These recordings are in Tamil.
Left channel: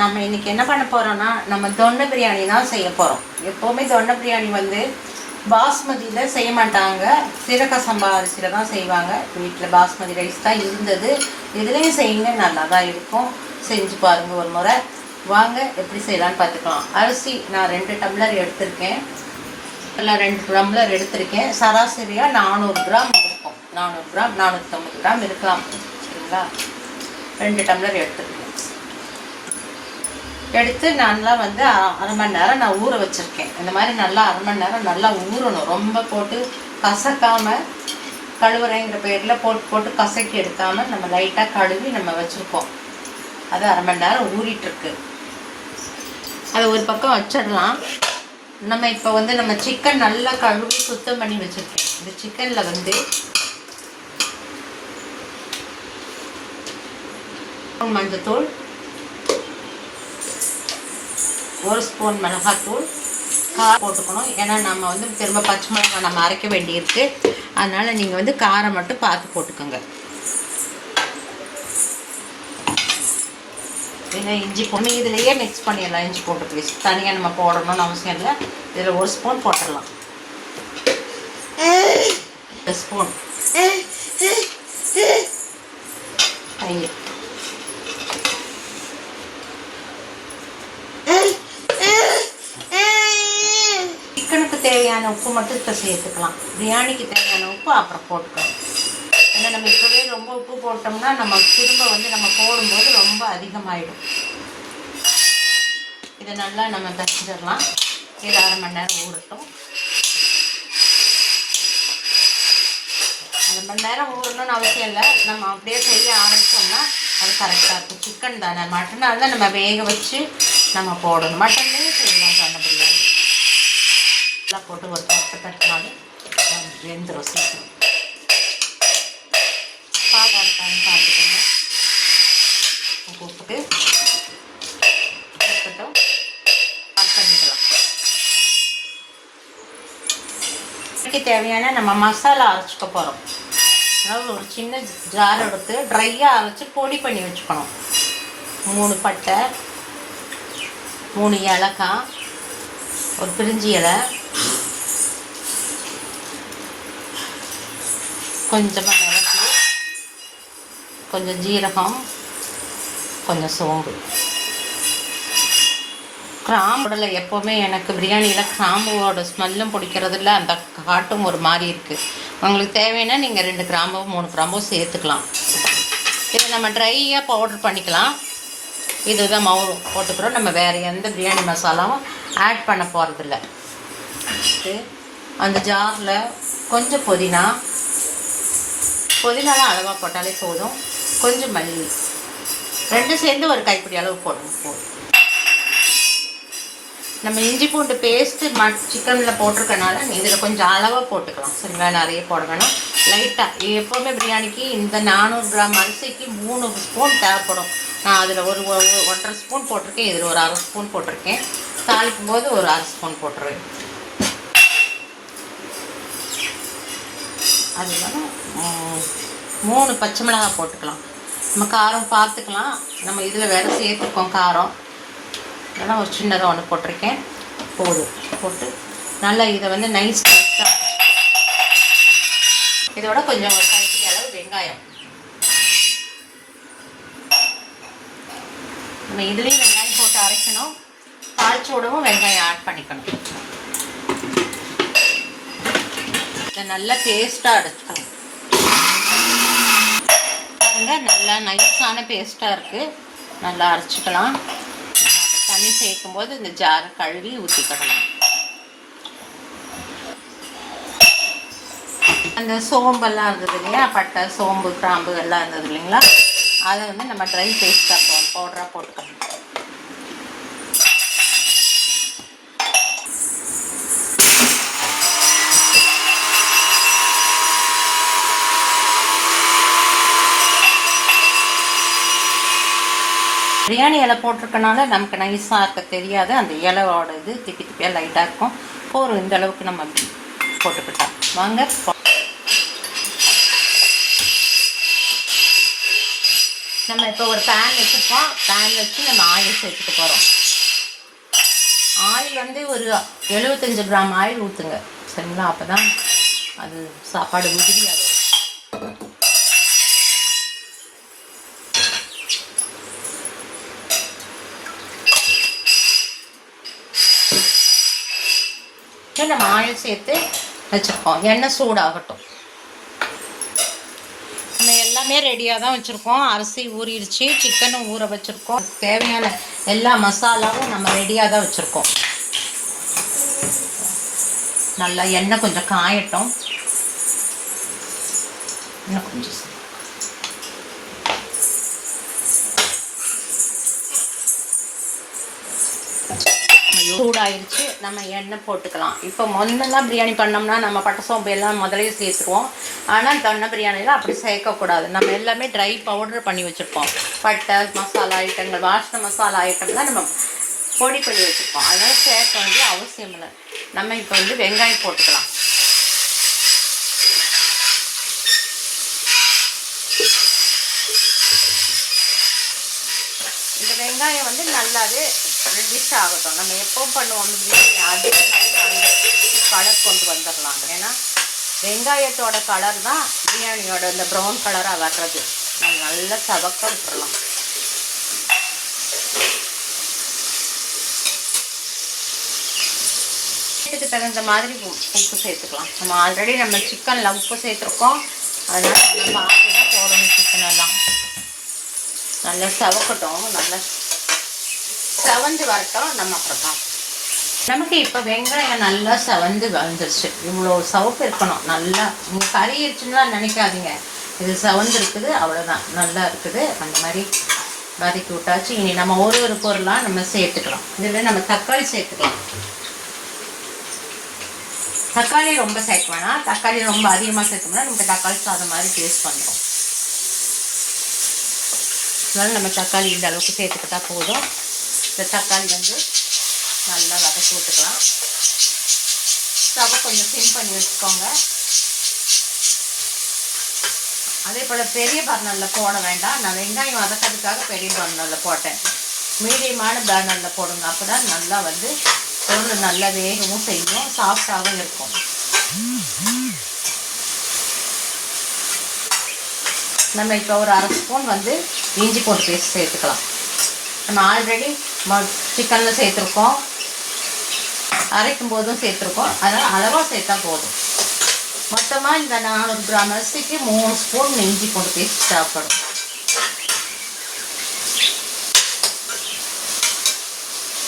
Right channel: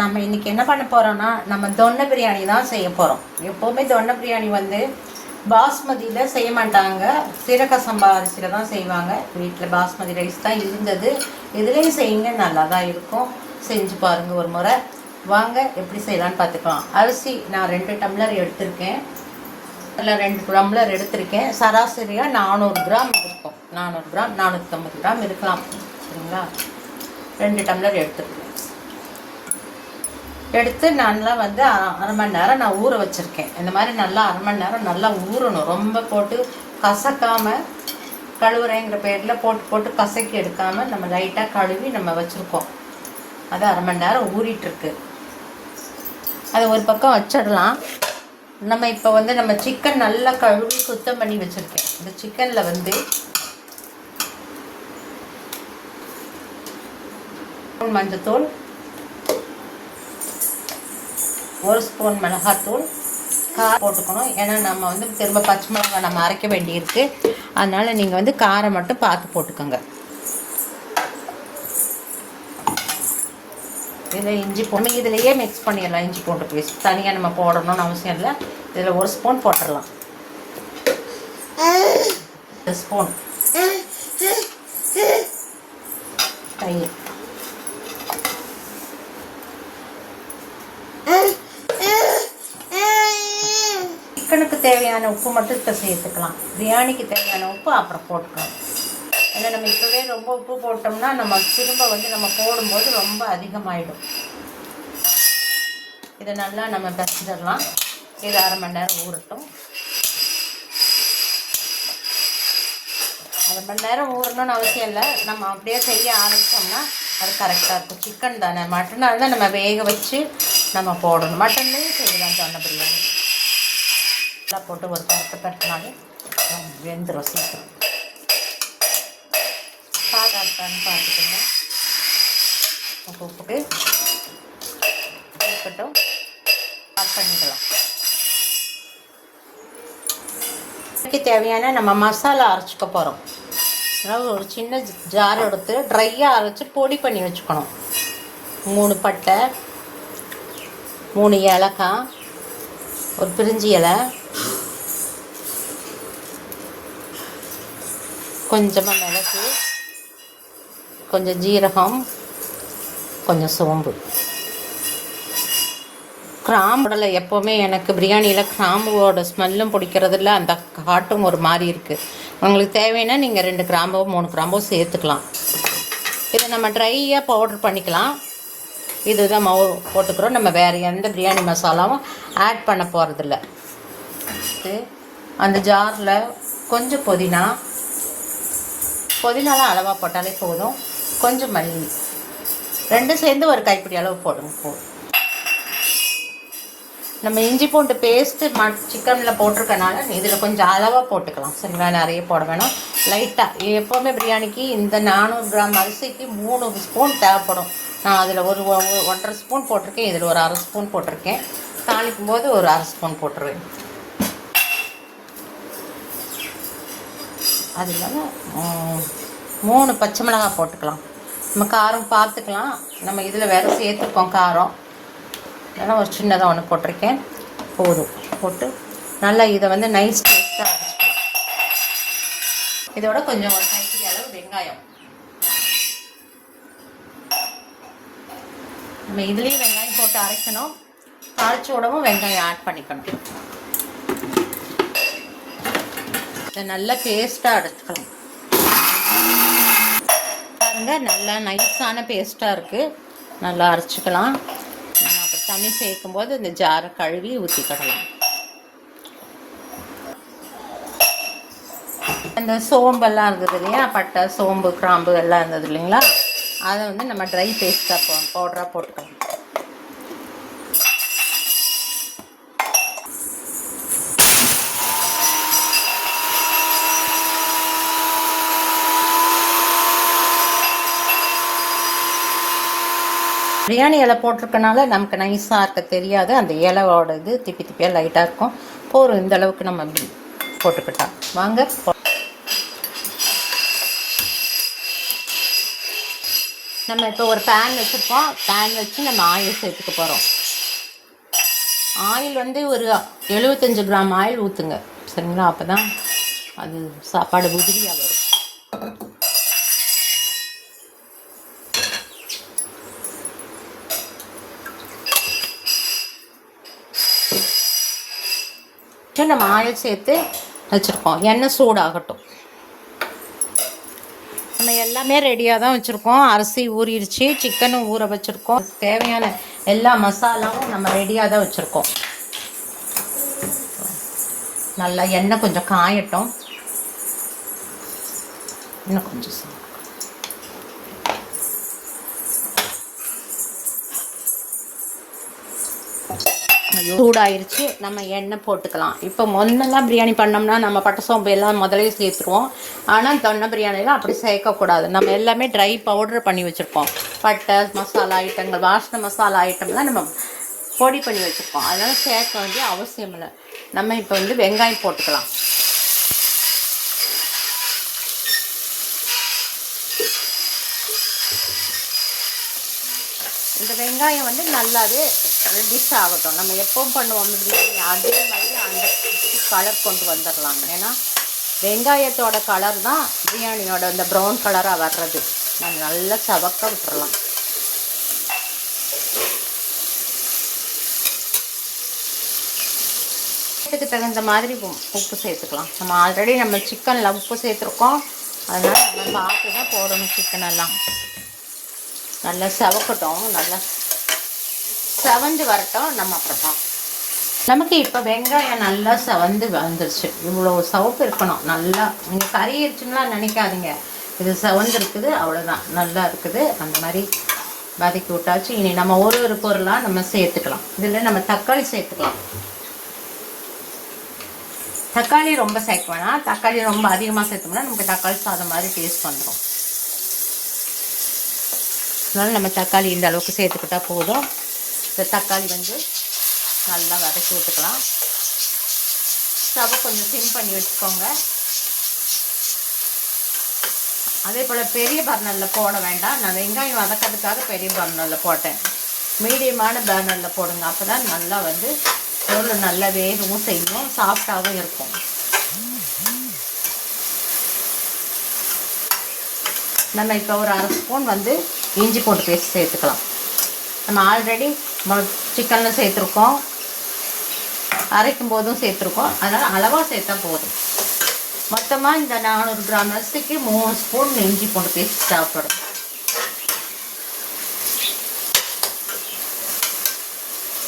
நம்ம இன்றைக்கி என்ன பண்ண போகிறோன்னா நம்ம தொன்னை பிரியாணி தான் செய்ய போகிறோம். எப்போவுமே தொன்னை பிரியாணி வந்து பாஸ்மதியில் செய்ய மாட்டாங்க, சீரக சம்பா அரிசியில் தான் செய்வாங்க. வீட்டில் பாஸ்மதி ரைஸ் தான் இருந்தது. இதுலேயும் செய்யுங்க, நல்லா தான் இருக்கும். செஞ்சு பாருங்கள் ஒரு முறை. வாங்க எப்படி செய்யலான்னு பார்த்துக்கலாம். அரிசி நான் 2 டம்ளர் எடுத்திருக்கேன். இல்லை 2 டம்ளர் எடுத்திருக்கேன். சராசரியாக 400 கிராம் இருக்கும். 400 கிராம் 450 கிராம் இருக்கலாம். சரிங்களா? 2 டம்ளர் எடுத்துருக்கேன். எடுத்து நல்லா வந்து அரை மணி நேரம் நான் ஊற வச்சுருக்கேன். இந்த மாதிரி நல்லா அரை மணி நேரம் நல்லா ஊறணும். ரொம்ப போட்டு கசக்காமல், கழுவுறேங்கிற பேரில் போட்டு கசக்கி எடுக்காமல் நம்ம லைட்டாக கழுவி நம்ம வச்சுருக்கோம். அது அரை மணி நேரம் ஊறிட்டுருக்கு. அதை ஒரு பக்கம் வச்சிடலாம். நம்ம இப்போ வந்து நம்ம சிக்கன் நல்லா கழுவி சுத்தம் பண்ணி வச்சுருக்கேன். இந்த சிக்கனில் வந்து மஞ்சத்தூள், 1 ஸ்பூன் மிளகாத்தூள், காரம் போட்டுக்கணும். ஏன்னா நம்ம வந்து திரும்ப பச்சை மிளகாய் நம்ம அரைக்க வேண்டியிருக்கு. அதனால் நீங்கள் வந்து காரம் மட்டும் பார்த்து போட்டுக்கோங்க. இதில் இஞ்சி பூண்டு இதிலையே மிக்ஸ் பண்ணிடலாம். இஞ்சி பூண்டு பேஸ்ட் தனியாக நம்ம போடணும்னு அவசியம் இல்லை. இதில் 1 ஸ்பூன் போட்டுடலாம். 1 ஸ்பூன் தயிர், சிக்கனுக்கு தேவையான உப்பு மட்டும் இப்போ சேர்த்துக்கலாம். பிரியாணிக்கு தேவையான உப்பு அப்புறம் போட்டுக்கலாம். ஏன்னா நம்ம இப்போவே ரொம்ப உப்பு போட்டோம்னா நம்ம திரும்ப வந்து நம்ம போடும்போது ரொம்ப அதிகமாகிடும். இதை நல்லா நம்ம பிசைஞ்சிடலாம். இது அரை மணி நேரம் ஊறட்டும். அரை மணி நேரம் ஊறணும்னு அவசியம் இல்லை. நம்ம அப்படியே செய்ய ஆரம்பித்தோம்னா அது கரெக்டாக இருக்கும். சிக்கன் தானே, மட்டனாக தான் நம்ம வேக வச்சு நம்ம போடணும். மட்டன்லேயும் செய்யலாம் தொன்னை பிரியாணி. எல்லாம் போட்டு ஒரு தட்டினாலும் வெந்துடும் சீக்கிரம். பாதாக இருக்கான்னு பார்த்துக்கோங்க. போட்டு இருக்கட்டும், ஆட் பண்ணிடலாம். இதுக்கு தேவையான நம்ம மசாலா அரைச்சிக்க போகிறோம். அதாவது ஒரு சின்ன ஜார் எடுத்து ட்ரையாக அரைச்சி பொடி பண்ணி வச்சுக்கணும். 3 பட்டை, 3 ஏலக்காய், ஒரு பிரிஞ்சி இலை, கொஞ்சமாக மிளகு, கொஞ்சம் ஜீரகம், கொஞ்சம் சோம்பு, கிராம்புல எப்போவுமே எனக்கு பிரியாணியில் கிராம்புவோட ஸ்மெல்லும் பிடிக்கிறதில்ல, அந்த காட்டும் ஒரு மாதிரி இருக்குது. உங்களுக்கு தேவைன்னா நீங்கள் 2 கிராம்போ 3 கிராம்போ சேர்த்துக்கலாம். இதை நம்ம ட்ரையாக பவுடர் பண்ணிக்கலாம். இதுதான் மாவு போட்டுக்கிறோம். நம்ம வேறு எந்த பிரியாணி மசாலாவும் ஆட் பண்ண போகிறதில்ல. அந்த ஜாரில் கொஞ்சம் புதினாலாம் அளவாக போட்டாலே போதும். கொஞ்சம் மல்லி, 2 சேர்ந்து ஒரு கைப்பிடி அளவு போடுங்க போதும். நம்ம இஞ்சி பூண்டு பேஸ்ட்டு சிக்கனில் போட்டிருக்கனால இதில் கொஞ்சம் அளவாக போட்டுக்கலாம். சரிங்களா? நிறைய போட வேணாம், லைட்டாக. எப்போவுமே பிரியாணிக்கு இந்த 400 கிராம் அரிசிக்கு 3 ஸ்பூன் தேவைப்படும். நான் அதில் ஒரு 1.5 ஸ்பூன் போட்டிருக்கேன். இதில் ஒரு 1/2 ஸ்பூன் போட்டிருக்கேன். தாளிக்கும் போது ஒரு 1/2 ஸ்பூன் போட்டுருவேன். அது இல்லாமல் 3 பச்சை மிளகாய் போட்டுக்கலாம். நம்ம காரம் பார்த்துக்கலாம். நம்ம இதில் வேறு சேர்த்துருக்கோம் காரம். அதனால் ஒரு சின்னதாக ஒன்று போட்டிருக்கேன். போதும். போட்டு நல்லா இதை வந்து நைஸ் பேஸ்ட்டாக அரைச்சிக்கலாம். இதோட கொஞ்சம் ஒரு கைப்பிடி அளவு வெங்காயம். நம்ம இதுலேயும் வெங்காயம் போட்டு அரைக்கணும். தாளிச்ச உடவும் வெங்காயம் ஆட் பண்ணிக்கணும். இதை நல்லா பேஸ்ட்டாக அரைச்சிக்கலாம். பாருங்க, நல்லா நைஸான பேஸ்ட்டாக இருக்குது. நல்லா அரைச்சிக்கலாம். நம்ம அப்படி தண்ணி சேர்க்கும் போது இந்த ஜாரை கழுவி ஊற்றிக்கிடலாம். அந்த சோம்பெல்லாம் இருந்தது இல்லையா, பட்டை, சோம்பு, கிராம்பு எல்லாம் இருந்தது இல்லைங்களா, அதை வந்து நம்ம ட்ரை பேஸ்ட்டாக பவுடராக போட்டுக்கலாம். பிரியாணி இலை போட்டிருக்கனால நமக்கு நைஸாக இருக்க தெரியாது. அந்த இலையோட இது திப்பியாக லைட்டாக இருக்கும். போதும். இந்த அளவுக்கு நம்ம அப்படி போட்டுக்கிட்டோம். வாங்க. 1 1/2 நம்ம இப்போ ஒரு பேன் வச்சுருக்கோம். பேன் வச்சு நம்ம ஆயில் சேர்த்துக்க போகிறோம். ஆயில் வந்து ஒரு 75 கிராம் ஆயில் ஊற்றுங்க, சரிங்களா? அப்போ தான் அது சாப்பாடு உதிரியாக வரும். நம்ம ஆயில் சேர்த்து வச்சுருக்கோம். எண்ணெய் சூடாகட்டும். நம்ம எல்லாமே ரெடியாக தான் வச்சுருக்கோம். அரிசி ஊறிடுச்சு, சிக்கனும் ஊற வச்சுருக்கோம். தேவையான எல்லா மசாலாவும் நம்ம ரெடியாக தான் வச்சுருக்கோம். நல்லா எண்ணெய் கொஞ்சம் காயட்டும். இன்னும் கொஞ்சம் சூடாயிருச்சு. நம்ம எண்ணெய் போட்டுக்கலாம். இப்போ முதல்ல பிரியாணி பண்ணோம்னா நம்ம பட்டை சோம்பு எல்லாம் முதலே சேர்த்துருவோம். ஆனால் தொன்னை பிரியாணிலாம் அப்படி சேர்க்கக்கூடாது. நம்ம எல்லாமே ட்ரை பவுடர் பண்ணி வச்சுருக்கோம். பட்டை மசாலா ஐட்டங்கள், வாசனை மசாலா ஐட்டம்லாம் நம்ம பொடி பண்ணி வச்சுருக்கோம். அதனால் சேர்க்க வேண்டிய அவசியம் இல்லை. நம்ம இப்போ வந்து வெங்காயம் போட்டுக்கலாம். இந்த வெங்காயம் வந்து நல்லாவே ரெட்டிஷ் ஆகட்டும். நம்ம எப்பவும் பண்ணுவோம் பிரியாணி அதே மாதிரி அந்த கலர் கொண்டு வந்துடலாங்க. ஏன்னா வெங்காயத்தோட கலர் தான் பிரியாணியோட இந்த ப்ரௌன் கலராக வர்றது. நம்ம நல்லா சவக்க விட்டுறலாம். இதுக்கு தகுந்த மாதிரி உப்பு சேர்த்துக்கலாம். நம்ம ஆல்ரெடி நம்ம சிக்கனில் உப்பு சேர்த்துருக்கோம். அதனால் நம்ம பார்த்து தான் போடணும். சிக்கனெல்லாம் நல்லா சவக்கட்டும், நல்லா செவந்து வரட்டும். நம்ம அப்புறம் நமக்கு இப்போ வெங்காயம் நல்லா செவந்து வந்துருச்சு. இவ்வளோ சவப்பு இருக்கணும். நல்லா நீங்கள் கறி இருக்குன்னுலாம் நினைக்காதீங்க. இது செவந்து இருக்குது, அவ்வளோதான். நல்லா இருக்குது. அந்த மாதிரி வதக்கி விட்டாச்சு. இனி நம்ம ஒரு பொருளாக நம்ம சேர்த்துக்கலாம். இதில் நம்ம தக்காளி சேர்த்துக்கலாம். தக்காளி ரொம்ப சேர்க்க வேணாம். தக்காளி ரொம்ப அதிகமாக சேர்த்தோம்னா நமக்கு தக்காளி சாதம் மாதிரி டேஸ்ட் வந்துடும். அதனால நம்ம தக்காளி இந்த அளவுக்கு சேர்த்துக்கிட்டா போதும். இந்த தக்காளி வந்து நல்லா வதக்கி விட்டுக்கலாம். ஸ்டவ்வை கொஞ்சம் சிம் பண்ணி வச்சுக்கோங்க. அதே போல் பெரிய பர்னரில் போட வேண்டாம். நான் வெங்காயம் வதக்கிறதுக்காக பெரிய பர்னரில் போட்டேன். மீடியமான பர்னரில் போடுங்க. அப்போ தான் நல்லா வந்து பொருள் நல்லா வேகவும் செய்யும், சாஃப்டாகவும் இருக்கும். நம்ம இப்போ ஒரு 1/2 ஸ்பூன் வந்து இஞ்சி பூண்டு பேஸ்ட் சேர்த்துக்கலாம். நம்ம ஆல்ரெடி சிக்கனில் சேர்த்துருக்கோம், அரைக்கும் போதும் சேர்த்துருக்கோம். அதனால் அளவாக சேர்த்தா போதும். மொத்தமாக இந்த 400 கிராம் அரிசிக்கு 3 ஸ்பூன் இஞ்சி பூண்டு பேஸ்ட் தேவைப்படும்.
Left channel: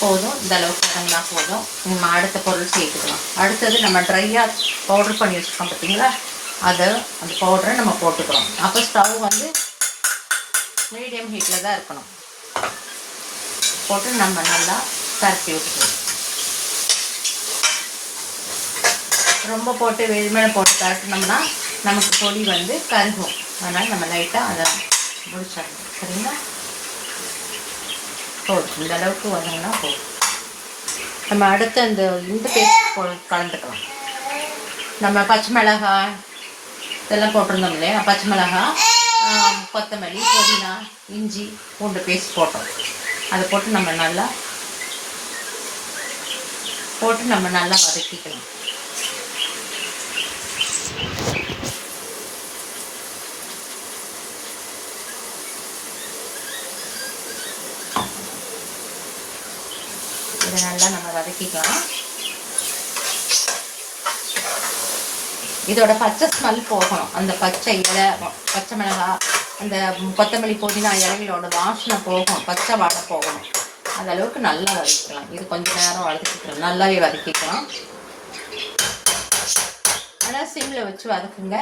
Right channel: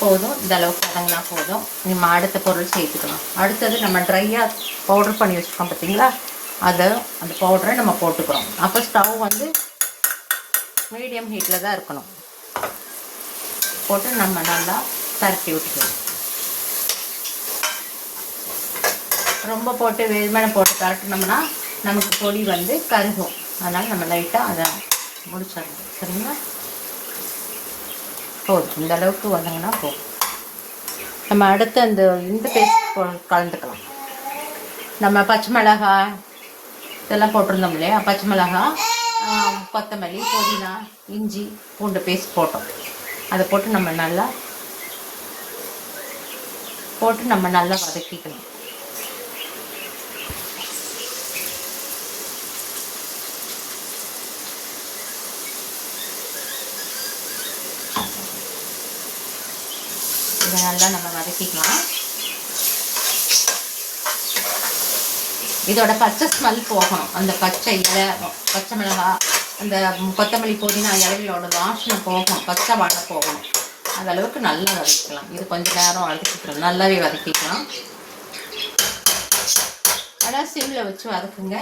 போதும். இந்த அளவுக்கு வதங்கினா போதும். நம்ம அடுத்த பொருள் சேர்த்துக்கலாம். அடுத்தது நம்ம ட்ரையாக பவுடர் பண்ணி வச்சுருக்கோம் பார்த்தீங்களா, அந்த பவுடரை நம்ம போட்டுக்கிறோம். அப்போ ஸ்டவ் வந்து மீடியம் ஹீட்டில் தான் இருக்கணும். போட்டு நம்ம நல்லா பரட்டி விட்டுக்கலாம். ரொம்ப போட்டு வெயில் மேலே போட்டு பரட்டினோம்னா நமக்கு பொடி வந்து கருகும். அதனால் நம்ம லைட்டாக அதை முடிச்சிடணும். சரிங்களா? போதும். இந்த அளவுக்கு வதங்கினா போதும். நம்ம அடுத்து இந்த பேஸ்ட் கலந்துக்கலாம். நம்ம பச்சை மிளகாய் இதெல்லாம் போட்டிருந்தோம் இல்லையா, பச்சை மிளகாய், கொத்தமல்லி, புதினா, இஞ்சி பூண்டு பேஸ்ட் போட்டோம். அதை போட்டு நம்ம நல்லா வதக்கிக்கலாம். இதை நல்லா நம்ம வதக்கிக்கலாம். இதோட பச்சை ஸ்மெல் போகணும். அந்த பச்சை இலை, பச்சை மிளகாய், அந்த கொத்தமல்லி, புதினா இலைகளோட வாசனை போகணும், பச்சை வாடை போகணும். அந்த அளவுக்கு நல்லா வதக்கிக்கலாம். இது கொஞ்சம் நேரம் வதக்கிக்கலாம், நல்லாவே வதக்கிக்கலாம். அதான் சிம்மில் வச்சு வதக்குங்க.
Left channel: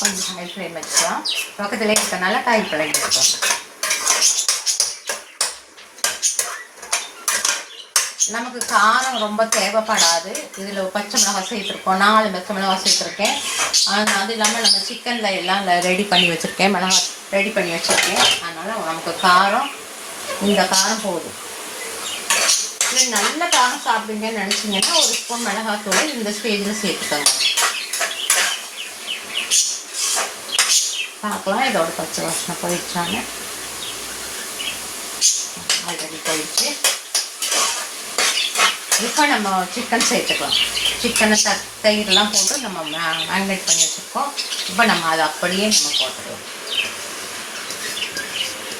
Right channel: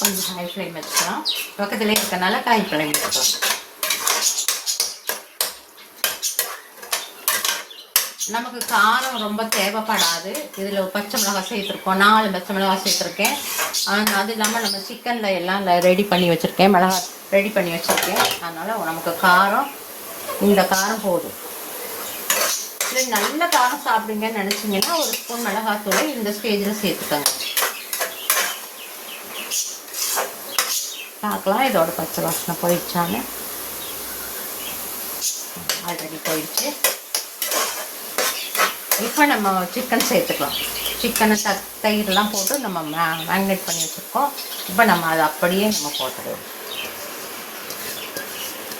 கொஞ்சம் ஹை ஃப்ளேம் வச்சுக்கலாம். பக்கத்துலேயே இருக்கனால காய் பழகி வச்சுக்கலாம். நமக்கு காரம் ரொம்ப தேவைப்படாது. இதில் பச்சை மிளகாய் சேர்த்துருக்கோம். 4 பச்சை மிளகாய் சேர்த்துருக்கேன். அது இல்லாமல் நம்ம சிக்கனில் எல்லாம் ரெடி பண்ணி வச்சுருக்கேன், மிளகாய் ரெடி பண்ணி வச்சுருக்கேன். அதனால் நமக்கு காரம், இந்த காரம் போதும். இல்லை நல்ல காரம் சாப்பிடுங்கன்னு நினச்சிங்கன்னா 1 ஸ்பூன் மிளகாத்தூளை இந்த ஸ்டேஜில் சேர்த்துக்கோங்க. பார்க்கலாம் இதோட பச்சை வாசனை போயிடுச்சான்னு. ஆல்ரெடி போயிடுச்சு. இப்போ நம்ம சிக்கன் சேர்த்துக்கலாம். சிக்கனை தயிரெலாம் போட்டு நம்ம மேரினேட் பண்ணி வச்சுருக்கோம். இப்போ நம்ம அதை அப்படியே நம்ம போட்டுடுவோம்.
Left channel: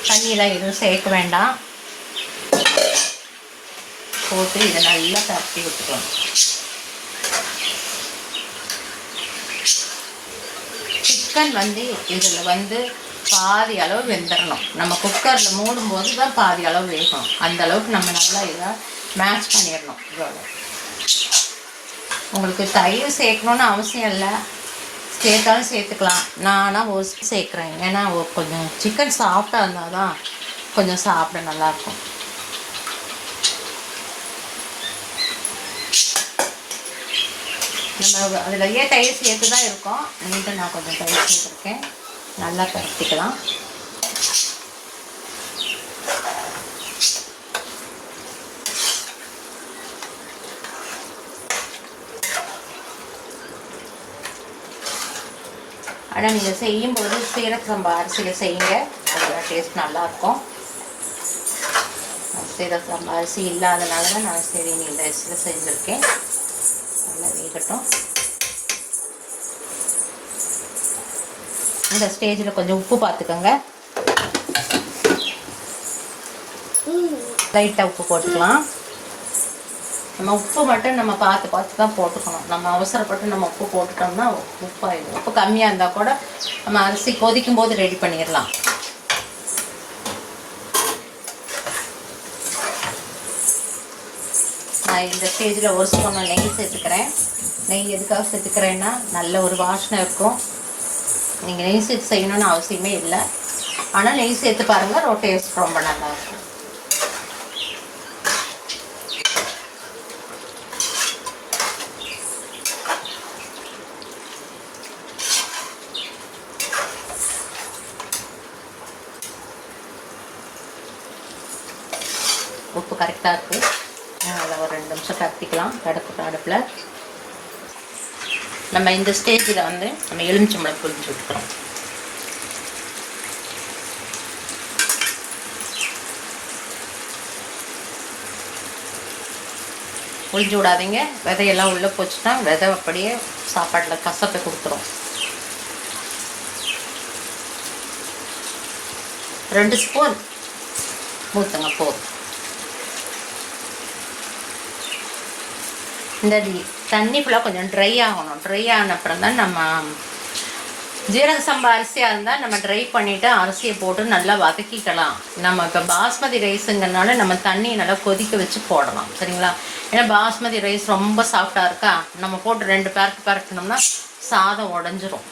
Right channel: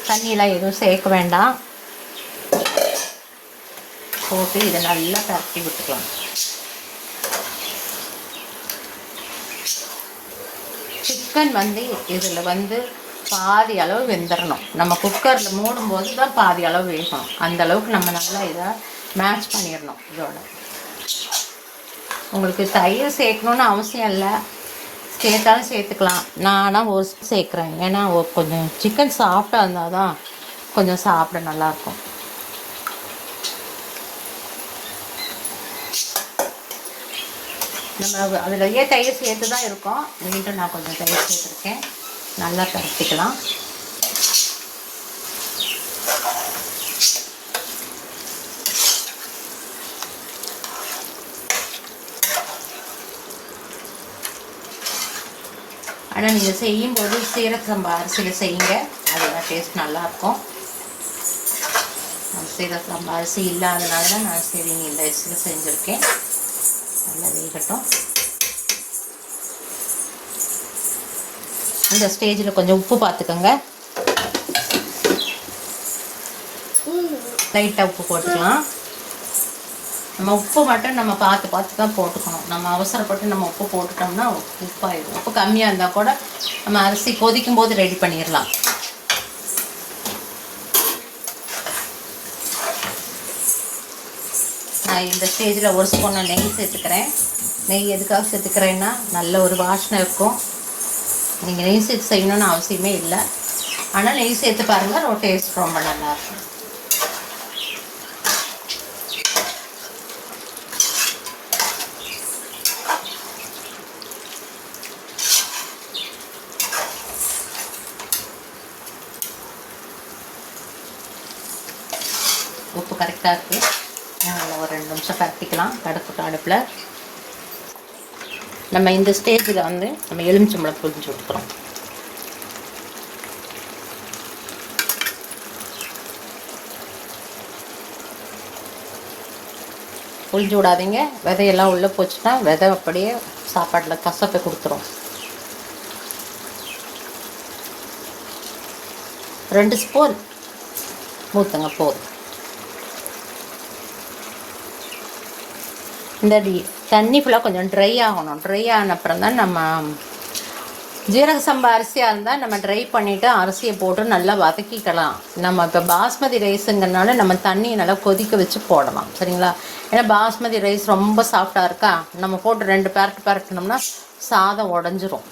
தண்ணியெலாம் எதுவும் சேர்க்க வேண்டாம். போட்டு இதை நல்லா பரட்டி விட்டுக்கலாம். சிக்கன் இதில் பாதி அளவு வெந்துடணும். நம்ம குக்கரில் மூடும்போது தான் பாதி அளவு வேகணும். அந்த அளவுக்கு நம்ம நல்லா இதை மேட்ச் பண்ணிடணும். இதோட உங்களுக்கு தயிர் சேர்க்கணுன்னு அவசியம் இல்லை, சேர்த்தாலும் சேர்த்துக்கலாம். நானாக ஒரு சேர்க்குறேன். ஏன்னா கொஞ்சம் சிக்கன் சாஃப்டாக இருந்தால் தான் கொஞ்சம் சாப்பிட நல்லாயிருக்கும். நம்ம அதிலேயே தயிர் சேர்த்து தான் இருக்கோம். நீட்டு நான் கொஞ்சம் தயிர் சேர்த்துருக்கேன். நல்லா பரட்டிக்கலாம். ஆனால் நீங்கள் செய்யும்போது சீரக சம்பா அரிசியில் செய்யுங்க, அதோட டேஸ்ட் நல்லாயிருக்கும். சீரக சம்பா அரிசி இல்லாதனால தான் நான் சரி இந்த அரிசியில் செஞ்சுருக்கேன். நல்லா வேகட்டும். இந்த ஸ்டேஜில் கொஞ்சம் உப்பு பார்த்துக்கோங்க. லைட்டாக உப்பு போட்டுக்கலாம். நம்ம உப்பு மட்டும் நம்ம பார்த்து தான் போட்டுக்கணும். நம்ம அவசரப்பட்டு நம்ம உப்பு போட்டுட்டோம்னா உப்பாயிடும். உப்பு கம்மியாக இருந்தால் கூட நம்ம அரிசி கொதிக்கும் போது ரெடி பண்ணிடலாம். நான் இந்த ஸ்டேஜில் ஒரு ஸ்பூன் நெய் சேர்த்துக்கிறேன். நெய் எதுக்காக சேர்த்துக்கிறேன்னா நல்ல ஒரு வாசனை இருக்கும். நீங்கள் நெய் சேர்த்து செய்யணும்னு அவசியமே இல்லை, ஆனால் நெய் சேர்த்து பாருங்கள், டேஸ்ட் ரொம்ப நல்லாயிருக்கும். உப்பு கரெக்டாக இருக்குது. நல்லா ஒரு 2 நிமிஷம் பரட்டிக்கலாம் அடுப்பில். நம்ம இந்த ஸ்டேஜில் நம்ம எலுமிச்சம்பழம் புழிஞ்சு விட்டுக்கிறோம். புழிஞ்சு விடாதீங்க. விதையெல்லாம் உள்ளே போச்சுன்னா விதை அப்படியே சாப்பாட்டில் கசப்பை கொடுத்துரும். 2 ஸ்பூன் ஊற்றுங்க போதும். இந்த தண்ணி ஃபுல்லாக கொஞ்சம் ட்ரை ஆகணும். ட்ரை ஆன அப்புறம் தான் நம்ம ஜீரக சம்பா அரிசியாக இருந்தால் நம்ம ட்ரை பண்ணிவிட்டு அரிசியை போட்டு நல்லா வதக்கிக்கலாம். நம்ம இப்போ பாஸ்மதி ரைஸுங்கிறனால நம்ம தண்ணியை நல்லா கொதிக்க வச்சு போடலாம், சரிங்களா? ஏன்னா பாஸ்மதி ரைஸ் ரொம்ப சாஃப்டாக இருக்கா, நம்ம போட்டு 2 பரட்டினோம்னா சாதம் உடஞ்சிரும்.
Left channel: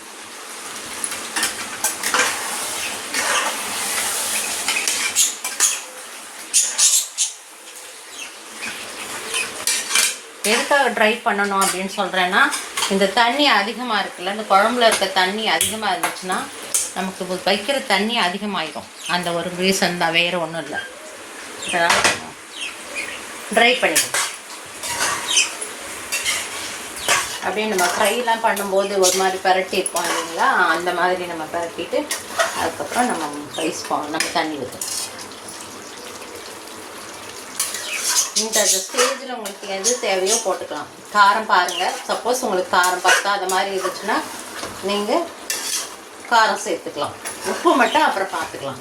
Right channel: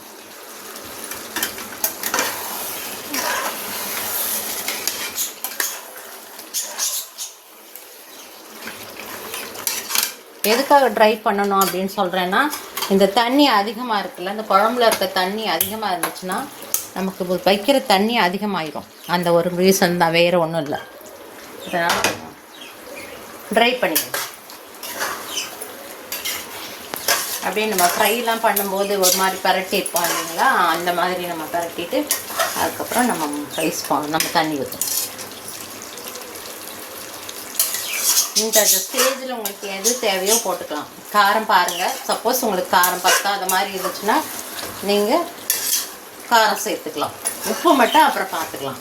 எதுக்காக ட்ரை பண்ணணும் அப்படின்னு சொல்கிறேன்னா, இந்த தண்ணி அதிகமாக இருக்குல்ல, இந்த குழம்புல இருக்க தண்ணி அதிகமாக இருந்துச்சுன்னா நமக்கு வைக்கிற தண்ணி அதிகமாகிடும். அந்த ஒரு ரீசன் தான், வேறு ஒன்றும் இல்லை. இதனால் ட்ரை பண்ணிக்கலாம். அப்படியே நம்ம ஃப்ரைலாம் பண்ணும்போது ஒரு மாதிரி பரட்டியிருப்போம் இல்லைங்களா, அந்த மாதிரி நம்ம பரட்டிட்டு அதுக்கப்புறம் நம்ம தண்ணி ஊற்றணும். இந்த ஸ்டேஜில் உங்களுக்கு எது தேவையோ போட்டுக்கலாம். காரம் பாருங்கள். சப்போஸ் உங்களுக்கு காரம் பத்தாத மாதிரி இருந்துச்சுன்னா நீங்கள் காரம் சேர்த்துக்கலாம். உப்பு மட்டும் அப்புறம் பார்த்துக்கலாம்.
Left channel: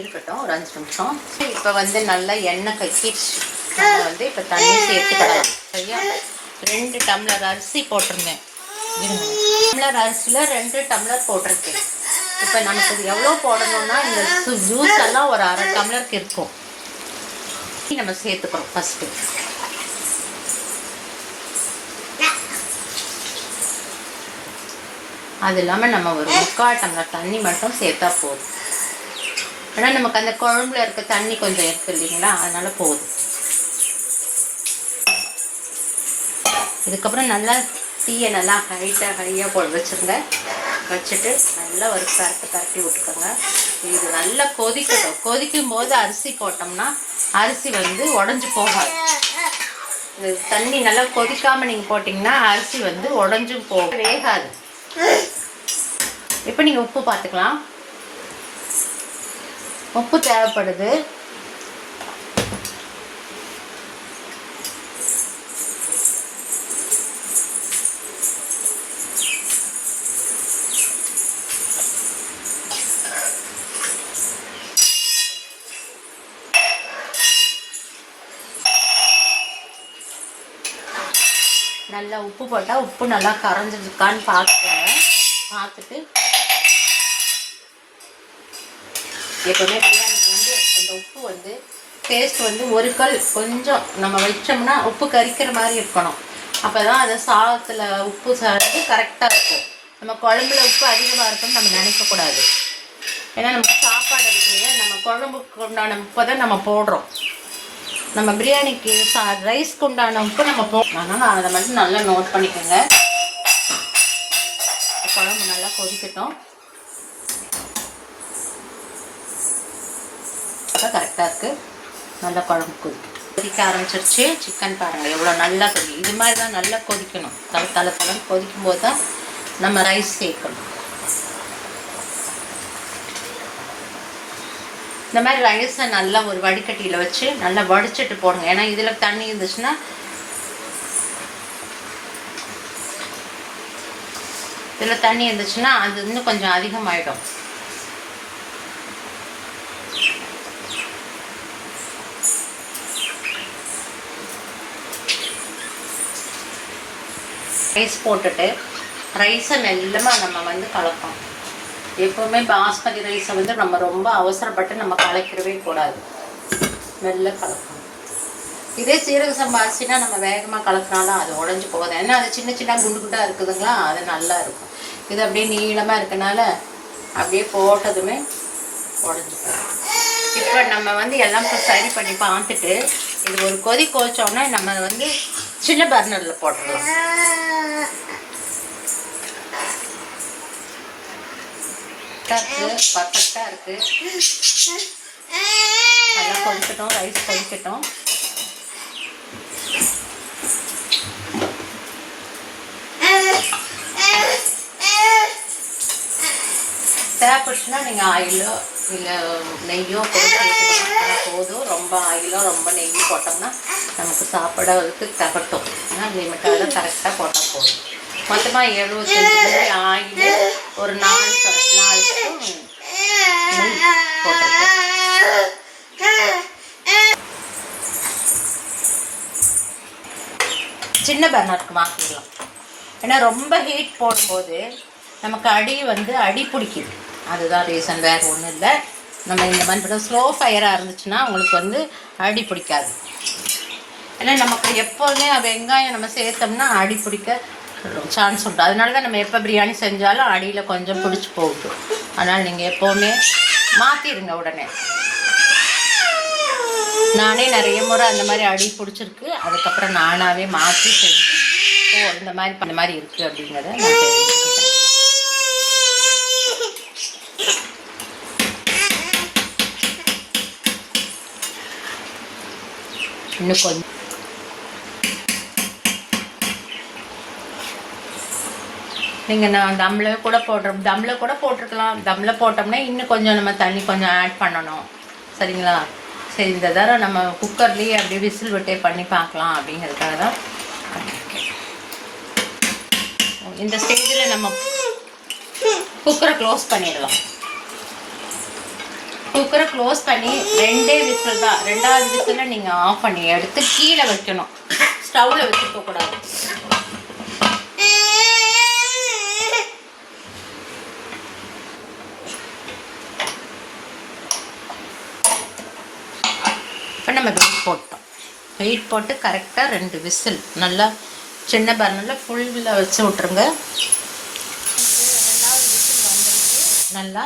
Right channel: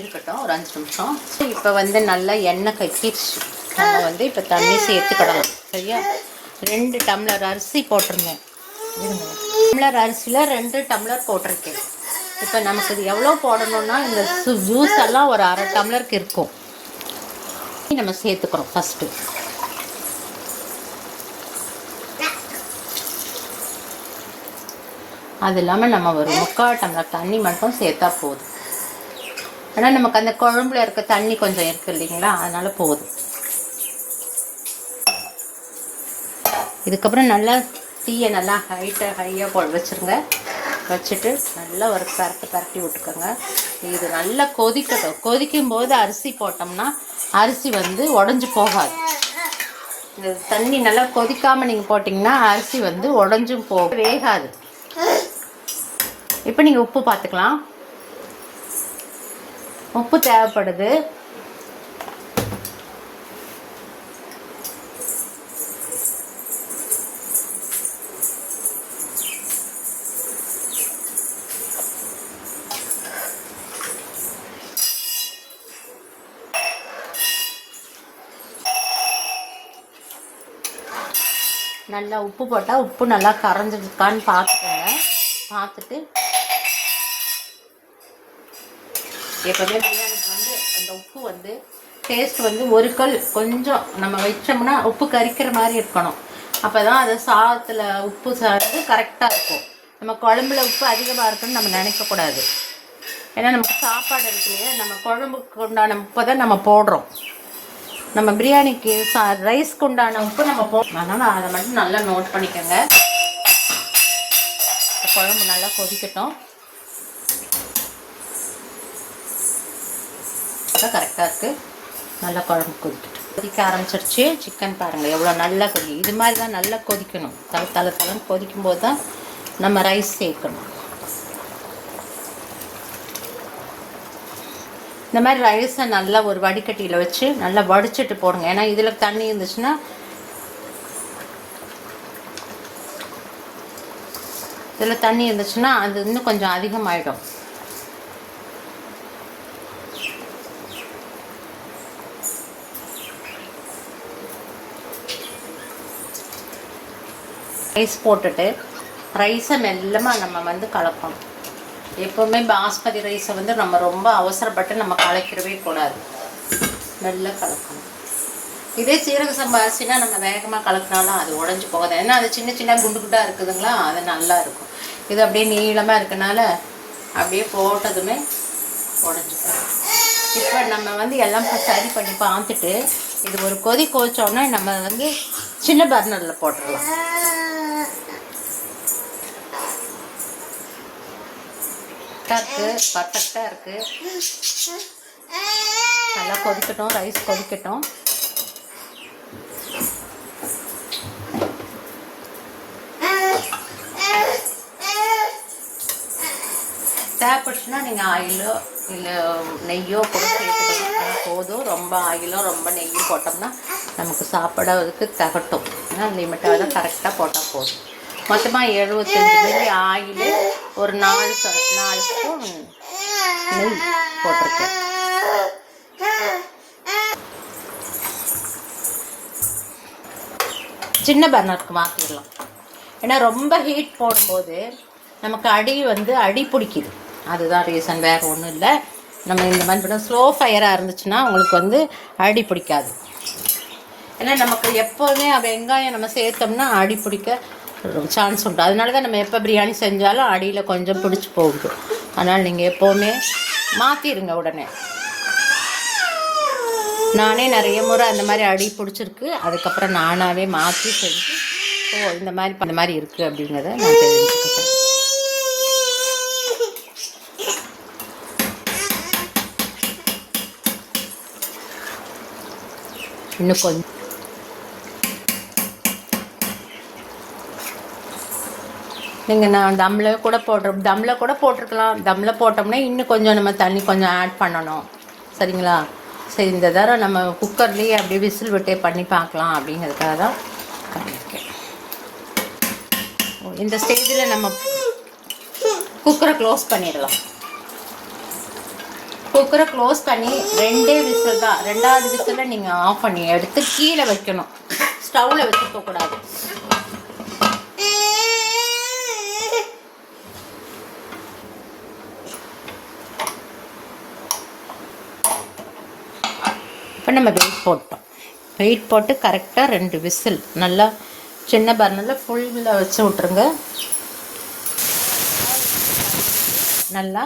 இருக்கட்டும் ஒரு 5 நிமிஷம். இப்போ நல்லா எண்ணெய் கட்டிடுச்சு. நம்ம இப்போ தண்ணி சேர்த்துக்கிடலாம், சரியா? 2 டம்ளர் அரிசி போட்டிருந்தேன். டம்ளர் அரிசியில் 2 டம்ளர் போட்டிருக்கேன். இப்போ நமக்கு இது எவ்வளோ போடணும்னா, இந்த ஜூஸ் எல்லாம் ஒரு 1/2 டம்ளருக்கு இருக்கும். நம்ம சேர்த்துக்கிறோம் ஃபஸ்ட்டு. அது இல்லாமல் நம்ம ஒரு 3/4 டம்ளர் தண்ணி மட்டும் சேர்த்தா போதும். ஏன்னா நமக்கு அந்த குழம்புல இருக்க தண்ணி கொஞ்சம் இருக்கு இல்லைங்களா, அதனால் போதும். இதுக்கப்புறம் நல்லா தீயை நல்லா ஹையாக போல் வச்சுருங்க. வச்சுட்டு நல்லா ஒரு பரட்டி விட்டுக்கோங்க. இது நல்லா கொதிக்கட்டும். கொதிக்கும் போது அரிசி போட்டோம்னா அரிசி உடஞ்சி போகாது. இந்த தண்ணி நல்லா கொதிக்காமல் நீங்கள் போட்டிங்கன்னா அரிசி வந்து உடஞ்சும் போகும், வேகாது. இப்போ நீங்கள் உப்பு பார்த்துக்கலாம். உப்பு தேவைப்படுது. நல்லா உப்பு போட்டால் உப்பு நல்லா கரைஞ்சிருக்கான்னு பார்த்துக்கோங்க. பார்த்துட்டு எப்போவுமே பிரியாணிக்கு வந்து அந்த உப்பு வந்து டேஸ்ட் வந்து ஒரு கல் கொஞ்சம் நம்ம வச்சோம்னா உப்பு கரிக்கிற மாதிரி இருக்கணும். அப்போ தான் அது சாதத்தில் உப்பு சாப்பிட்டு கரெக்டாக இருக்கும். நம்ம குழம்புல உப்பு அதிகமாக இருக்குன்னு நம்ம நினைக்கக்கூடாது. ஏன்னா நம்ம சாப்பாடு இருக்குல்லையே, நம்ம குழம்புக்கு உண்டான உப்பை தான் நம்ம போடுறோம். நம்ம பிரியாணிக்கு ரைஸ்க்கு உண்டான உப்பு நம்ம அதனால் அதை மட்டும் நல்லா நோட் பண்ணிக்கோங்க. குழம்பு நல்லா கொதிக்கட்டும். அதான் கரெக்டாக இருக்குது. நல்லா குழம்பு கொதிக்க ஆரம்பிச்சிருச்சு. சிக்கன் பாருங்கள் எவ்வளோ நல்லா கொதிக்கும். இது மாதிரி தான் நல்லா கொதிக்கணும். தலை கொதிக்கும் போது தான் நம்ம ரைஸ் சேர்க்கணும். இந்த மாதிரி ரைஸை நல்லா ஒரு வடிகட்டியில் வச்சு நல்லா வடிச்சிட்டு போடுங்க. ஏன்னா இதில் தண்ணி இருந்துச்சுன்னா அது இன்னும் கொஞ்சம் அதிகமாகிடும். ரைஸ் போட்டுட்டு ரைஸை மெல்லமாக நம்ம வந்து கலக்கணும். எப்போவுமே பாஸ்மதி ரைஸை வந்து நம்ம ரொம்ப அவசரப்பட்டு நம்ம கலக்கிடவே கூடாது. மெல்ல கலக்கணும். இதே சீரக சம்பா அரிசினா நம்ம வேகமாக கலக்கினாலும் அது உடஞ்சி போகுது. ஏன்னா அது சின்ன சின்ன குண்டு குண்டாக இருக்குதுங்களா, அது நல்லா இருக்கும். இது அப்படியே நீளமாக இருக்கனால அப்படியே போட்டதுமே உடஞ்சி போகும். இப்போ நம்ம வந்து எல்லாம் சரி பண்ணி பார்த்துட்டு இது ஒரு கொதி கொதிச்சோன்னா நம்ம வந்து சின்ன பர்னரில் போட்டுடலாம். பர்ஃபெக்டாக இருக்குது. நல்லா கொதிக்கட்டும், ரைஸ் கொதிக்கட்டும். தேவைப்பட்டுச்சுன்னா நீங்கள் ஆயிலோ இல்லை நெய்யோ போதும். ரொம்ப ஆயிலோ ரொம்ப நெய்யோ போட்டோம்னா நமக்கு சாப்பிட்றதுக்கு தகட்டும். ஆனால் லிமிட்டாக தான் கரெக்டாக போட்டால் போதும். மொத்தமாக 75 ஆயில், ஒரு 4 ஸ்பூன் நெய் போட்டிருக்கேன். சின்ன பர்னருக்கு மாற்றிடலாம். ஏன்னா ரொம்ப ஹீட் போடும்போது நமக்கு அடி பிடிக்குது. அதுதான் ரீசன், வேறு ஒன்றும் இல்லை. நம்ம இந்த மாதிரி பண்ண ஸ்லோ ஃபயராக இருந்துச்சுன்னா உங்களுக்கு வந்து அடி பிடிக்காது. ஏன்னா நமக்கு எப்போதுமே வெங்காயம் நம்ம சேர்த்தோம்னா அடி பிடிக்க சான்ஸ் உண்டு. அதனால தான் நம்ம எப்போ பிரியாணி செஞ்சாலும் அடியில் கொஞ்சம் பிடிச்சி போகுது. அதனால் நீங்கள் எப்போவுமே மாற்றிடுங்க உடனே. நானே நிறைய முறை அந்த மாதிரி அடி பிடிச்சிருக்கு. அதுக்கப்புறம் நானாகவே மாற்றி செஞ்சு இந்த மாதிரி இருக்குது அப்படிங்கிறத நான் தெரிஞ்சுக்கிட்டேன். இன்னும் கொஞ்சம் நீங்கள் நான் தம்மில் கூட போட்டிருக்கலாம். தம்மில் போட்டோம்னா இன்னும் கொஞ்சம் நம்ம தண்ணி கொஞ்சம் ஆட் பண்ணணும். சரிங்களா? சரி, இந்த தடவை நம்ம குக்கர்லேயே அப்படியே விசில் விட்டே பண்ணி பார்க்கலாம் அப்படிங்கிறதுக்காக தான் பண்ணியிருக்கேன். இந்த ஸ்டேஜில் நம்ம குக்கரை க்ளோஸ் பண்ணிடலாம். குக்கரை க்ளோஸ் பண்ணி 2 விசில் தான். 2வது விசிலில் நீங்கள் ஆஃப் பண்ணி எடுத்து கீழே வைக்கணும். ஸ்டவ்வில் வச்சுக்கக்கூடாது. இப்போ நம்ம வெயிட் போட்டு கரெக்டாக 2 விசில் நல்லா சின்ன பர்னரில் ஃபுல்லில் வச்சு விட்ருங்க. நல்லா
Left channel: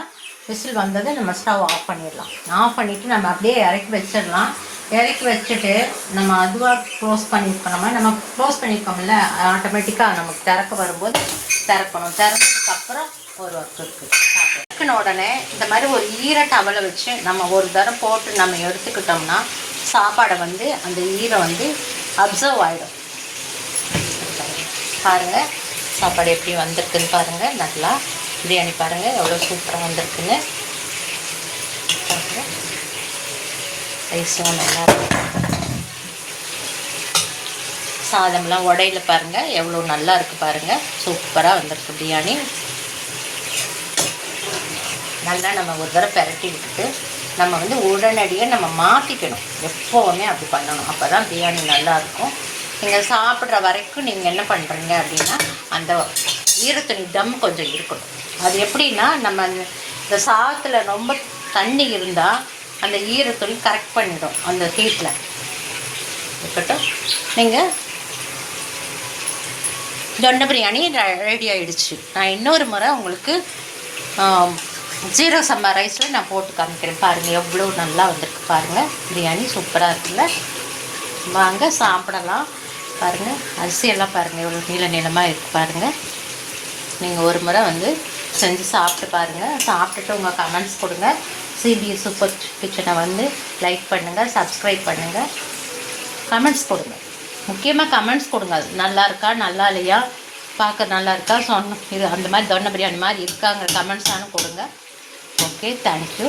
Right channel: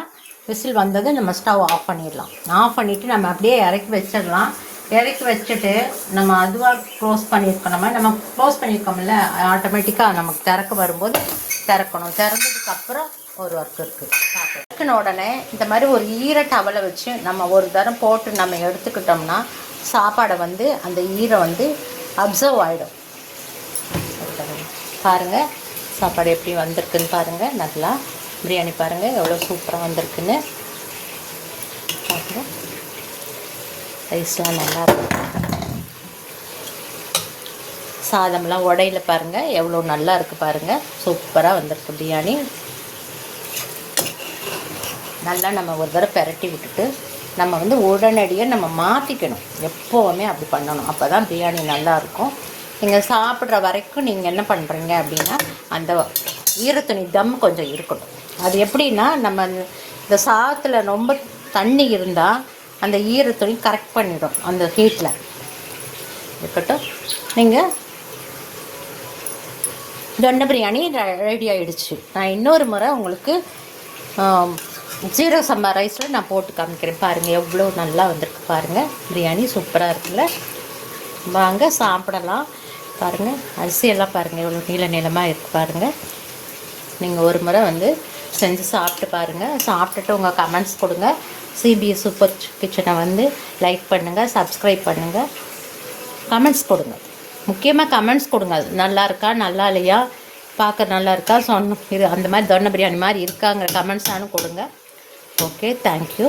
விசில் வந்தது நம்ம ஸ்டவ் ஆஃப் பண்ணிடலாம். ஆஃப் பண்ணிவிட்டு நம்ம அப்படியே இறக்கி வச்சிடலாம். இறக்கி வச்சுட்டு நம்ம அதுவாக க்ளோஸ் பண்ணியிருக்கோம்ல, ஆட்டோமேட்டிக்காக நமக்கு திறக்க வரும்போது திறக்கணும். திறந்ததுக்கப்புறம் ஒரு ஒர்க் இருக்குது. திறக்கின உடனே இந்த மாதிரி ஒரு டவலை வச்சு நம்ம ஒரு தரம் போட்டு நம்ம எடுத்துக்கிட்டோம்னா சாப்பாடை வந்து அந்த ஈரம் வந்து அப்சர்வ் ஆகிடும். பாருங்கள் சாப்பாடு எப்படி வந்திருக்குன்னு பாருங்கள். நல்லா பிரியாணி பாருங்கள் எவ்வளோ சூப்பராக வந்திருக்குன்னு பாருங்கள். ரைஸும் நல்லா இருக்கும். சாதம்லாம் உடையில பாருங்கள் எவ்வளோ நல்லா இருக்குது பாருங்கள். சூப்பராக வந்திருக்கு பிரியாணி. நல்லா நம்ம ஒரு தடவை பெரட்டி விட்டுட்டு நம்ம வந்து உடனடியாக நம்ம மாற்றிக்கணும். எப்போவுமே அப்படி பண்ணணும். அப்போ தான் பிரியாணி நல்லாயிருக்கும். நீங்கள் சாப்பிட்ற வரைக்கும் நீங்கள் என்ன பண்ணுறீங்க அப்படின்னா அந்த ஈரத்துணி தம் கொஞ்சம் இருக்கணும். அது எப்படின்னா நம்ம இந்த சாதத்தில் ரொம்ப தண்ணி இருந்தால் அந்த ஈரத்துணி கரெக்ட் பண்ணிடும் அந்த ஹீட்டில் இருக்கட்டும். நீங்கள் தொன்னை பிரியாணி ரெடி ஆகிடுச்சு. நான் இன்னொரு முறை உங்களுக்கு ஜீரக சம்பா ரைஸில் நான் போட்டு காமிக்கிறேன். பாருங்கள் எவ்வளோ நல்லா வந்திருக்கு பாருங்கள். பிரியாணி சூப்பராக இருக்குல்ல. வாங்க சாப்பிடலாம். பாருங்கள் அரிசியெல்லாம் பாருங்கள் எவ்வளோ நீளமாக இருக்குது பாருங்கள். நீங்கள் ஒரு முறை வந்து செஞ்சு சாப்பிட்டு பாருங்கள். சாப்பிட்டுட்டு உங்கள் கமெண்ட்ஸ் கொடுங்க. சிபிஎஸ் சூப்பர் கிச்சனை வந்து லைக் பண்ணுங்கள், சப்ஸ்கிரைப் பண்ணுங்கள், கமெண்ட்ஸ் கொடுங்க. முக்கியமாக கமெண்ட்ஸ் கொடுங்க. அது நல்லா இருக்கா நல்லா இல்லையா, பார்க்க நல்லா இருக்கா, சொன்ன இது அந்த மாதிரி தொன்னை பிரியாணி மாதிரி இருக்காங்கிற கமெண்ட்ஸானு கொடுங்க. Okay, thank you.